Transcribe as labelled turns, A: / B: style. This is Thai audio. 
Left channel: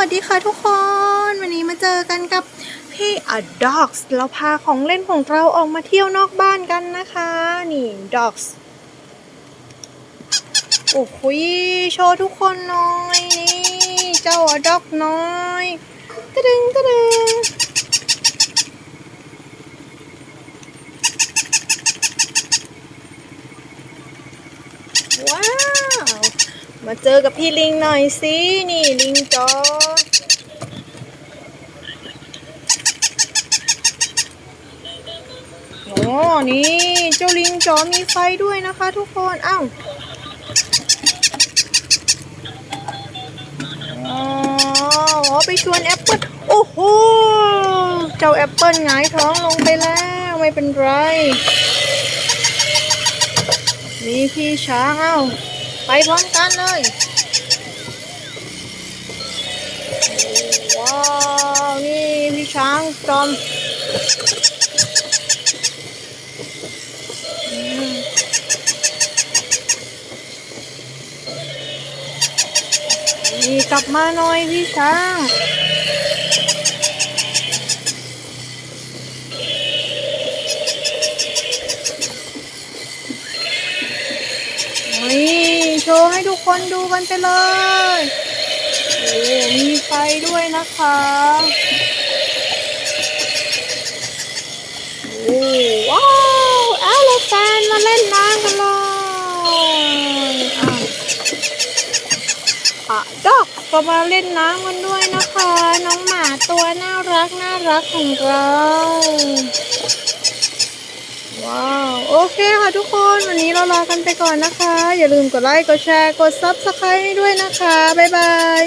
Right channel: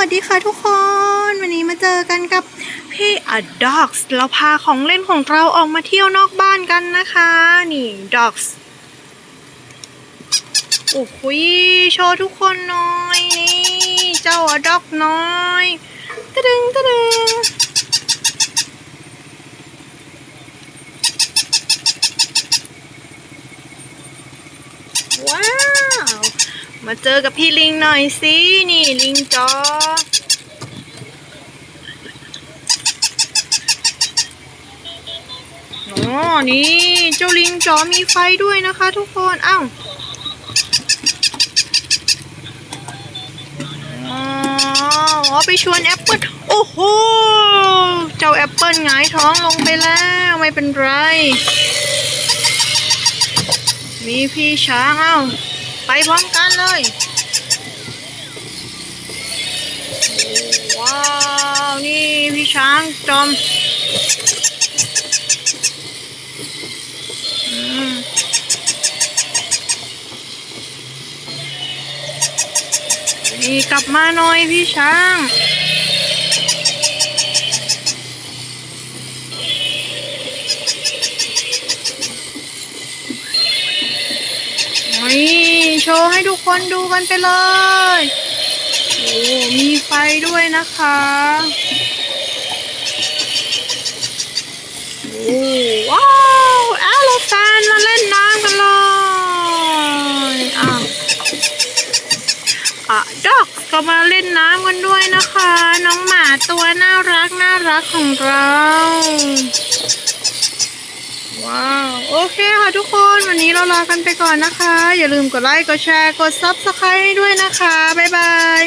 A: วัสดีค่ะทุกคน วันนี้มาเจอกันกับพี่อดอกส์เราพาของเล่นของเราออกมาเที่ยวนอกบ้านกันนะคะ นี่ด็อกส์โอ้โหโชว์ทุกคนหน่อยนี่เจ้าอดอกน้อยตะดึงตะดึงว้า มาเจอกับพี่ลิงหน่อยสิ นี่ลิงจออ๋อนี่ เจ้าลิงจอมีไฟด้วยนะคะทุกคน อ้าวอ๋ออ๋อไปชวนแอปเปิลโอ้โห เจ้าแอปเปิลหงายท้องลงไปแล้วไม่เป็นไร มีพี่ช้างเอ้า ไปพร้อมกันเลย ว้าว นี่พี่ช้างจอมมนี่กลับมาหน่อยพี่ช้างนี่ โชว์ให้ทุกคนดูกันไปเลยโอ้มีไฟด้วยนะคะโอ้ว้าวแอโลแฟนมาเล่นน้ำกันเลยอะอะด็อกก็มาเล่นน้ำกันด้วยนะคะ น้องหมาตัวน่ารักน่ารักของเรา ว้าว โอเคค่ะทุกคนวันนี้เราลากันไปก่อนนะคะ อย่าลืมกดไลค์กดแชร์กด Subscribe ให้ด้วยนะคะ บ๊ายบาย